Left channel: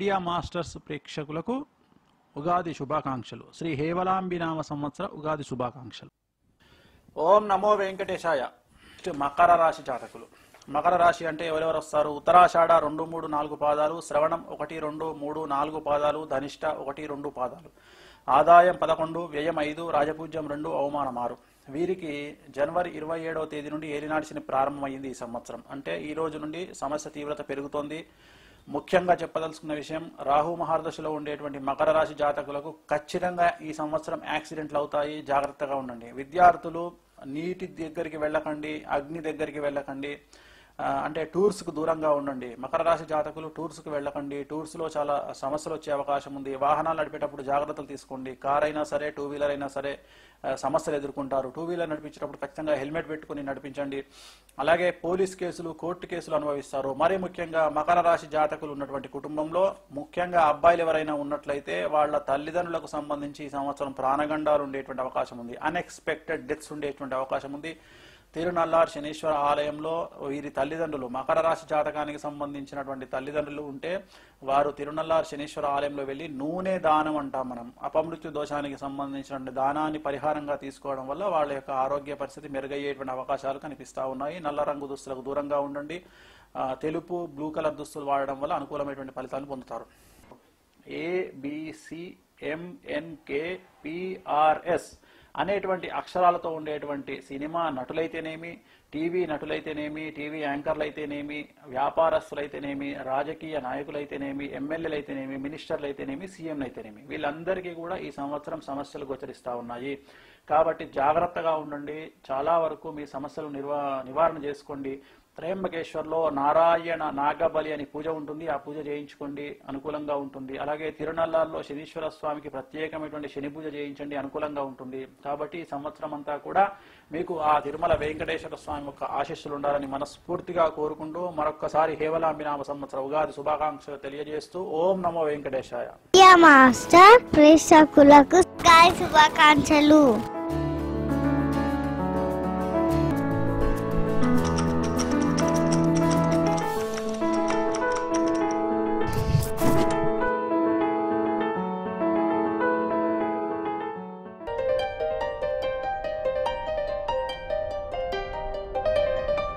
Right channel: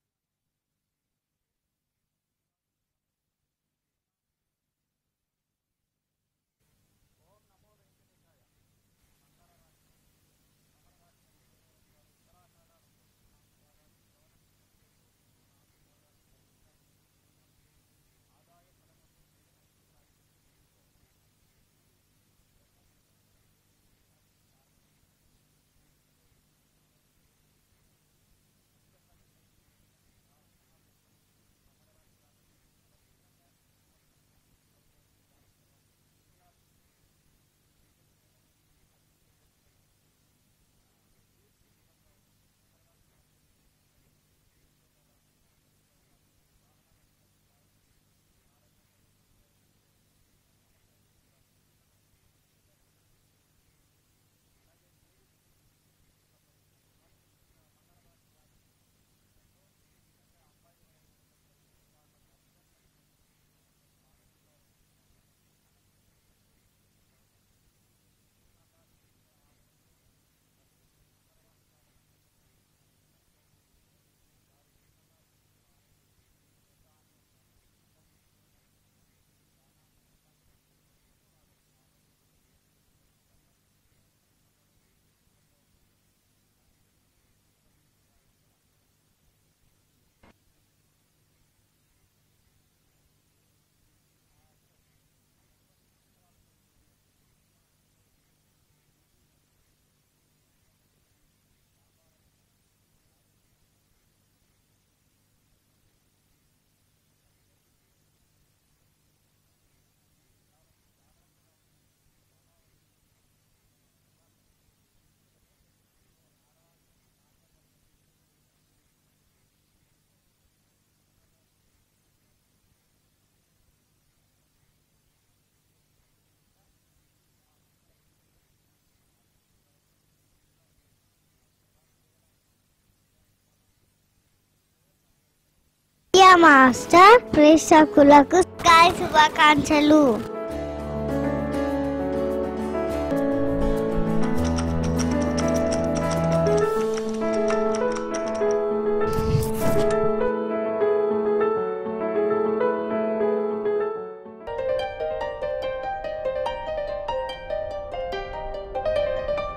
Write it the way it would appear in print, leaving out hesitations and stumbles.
Media masters ప్రేక్షకులకు ఉగాది శుభాకాంక్షలు. శ్రీ హేవలాంబినామ సంవత్సర ఉగాది శుభాకాంక్షలు. ఓం నమో వెంకటేశాయ. మకర రాశి జాతకులు. మకర రాశి అంటే ఎవరెవరు వస్తారు? ఉత్తరాషాఢ 2, 3, 4 పాదాలు, శ్రవణం 1, 2, 3, 4 పాదాలు, ధనిష్ట 1, 2 పాదాలు, ఆదాయం 11, వ్యయం 5, రాజపూజ్యం 2, అవమానం 6. వీరికి జనవరి 27వ తేదీ నుండి ఏలినాటి శని ప్రారంభమైంది ఈ సంవత్సరం. అంటే ఈ రోజు నుండి సమస్య తీవ్రత పెరుగుతోంది. ముఖ్యంగా చెప్పదలుచుకున్న విషయం, రాహు మహారదశలో ఉండేటువంటి మకర రాశి జాతకులకు ఖచ్చితంగా ఈ సంవత్సరం యాక్సిడెంట్లు అవుతాయి. జాగ్రత్తగా ఉండండి. విద్యార్థులు నీటి దగ్గరికి వెళ్ళకండి, అగ్ని దగ్గరికి వెళ్ళకండి, అంటే టూర్స్కు దూరంగా ఉండండి. మకర రాశి జాతకులు టూర్స్కు వెళ్ళకండి. టూర్స్లో చాలా సమస్యలు వచ్చే అవకాశం ఉంది. వాహనాలు నడిపేటప్పుడు జాగ్రత్తలు తీసుకోండి. కార్ అయినా సరే, 2 వీలర్ అయినా సరే సమస్యలు ఎదుర్కొంటారు. 2 వీలర్ నడిపించేటప్పుడు ఖచ్చితంగా హెల్మెట్ పెట్టుకుని నడిపించండి. అలాగే పోలీస్ కేసులు, కోర్టు కేసులు అనుభవిస్తారు. మరీ ముఖ్యంగా మకర రాశి జాతకులు ఉన్నటువంటి కుటుంబంలో ముఖ్యంగా అబ్బాయిలు ఎవరైనా ఉన్నట్లయితే వాళ్ళ తల్లిదండ్రులకు సంబంధించి ఈ సంవత్సరం ప్రాణగండాలు ఉండేటువంటి అవకాశం ఉంది. అన్ఎక్స్పెక్టెడ్ డెత్స్ ఉండేటువంటి అవకాశం ఉంది. తిరునల్లార్ శనీశ్వర ఆలయంలో వీరి తల్లిదండ్రులు, మకర రాశి జాతకానికి సంబంధించినటువంటి తల్లిదండ్రులు ఉంటే వారు తిరునల్లార్ శనీశ్వర ఆలయంలో వెళ్ళి నూనె దానం అంటాం మనం, అపమృత్యు దోషానికి సంబంధించినటువంటి దానాన్ని పరిహారంగా తీసుకోవడం వల్ల వాళ్ళ యొక్క ఆరోగ్య పరిస్థితి మెరుగయ్యేటువంటి అవకాశాలు కనిపిస్తూ ఉన్నాయి. నల్ల రంగు దుస్తులకు దూరంగా ఉండండి. తెలుపు, బ్లూ కలర్ దుస్తులు వాడడం వల్ల అనుకూలమైనటువంటి ఫలితాలను పొందుతారు. ABCMNKPRS అనేటువంటి అక్షరాలతో ఉండేటువంటి సినిమా నటులైతేనేమి, టీవీ నటులైతేనేమి, టీవీ యాంకర్లు అయితేనేమి, వ్యాపారస్తులైతేనేమి, రాజకీయ నాయకులైతేనేమి, ఎమ్మెల్యేలు అయితేనేమి, మినిస్టర్లు అయితేనేమి, సీఎంలు అయితేనేమి, వీళ్ళందరికీ కూడా ఈ సంవత్సరం సమస్యలు గోచరిస్తూ ఉన్నాయి. కాబట్టి జాగ్రత్తగా ఉండండి. చాలా వరకు మీ సమస్యలు నివారణ చేసుకోండి. త్రయంబకేశ్వర్లో నారాయణ నాగబలి అని పూజ ఉంటుంది. ఆ పూజ చేయించుకోండి, అనుకూలంగా ఉంటుంది. అలాగే తిరునల్లార్లో శనీశ్వర స్వామికి ప్రత్యేకమైనటువంటి శని పూజ చేయించండి, అనుకూలంగా ఉంటుంది. కాబట్టి ఈ సంవత్సరం అంతా కూడా మీకు ఆ తిరుమల వెంకటేశ్వర స్వామి యొక్క ఆశీస్సులు ఉండాలని మనస్ఫూర్తిగా కోరుకుంటూ మరొక్కసారి హేవలాంబినామ సంవత్సర ఉగాది శుభాకాంక్షలు తెలియజేస్తూ ఓం నమో వెంకటేశాయ. మాస్టర్ ప్రేక్షకులకు శుభాకాంక్షలు.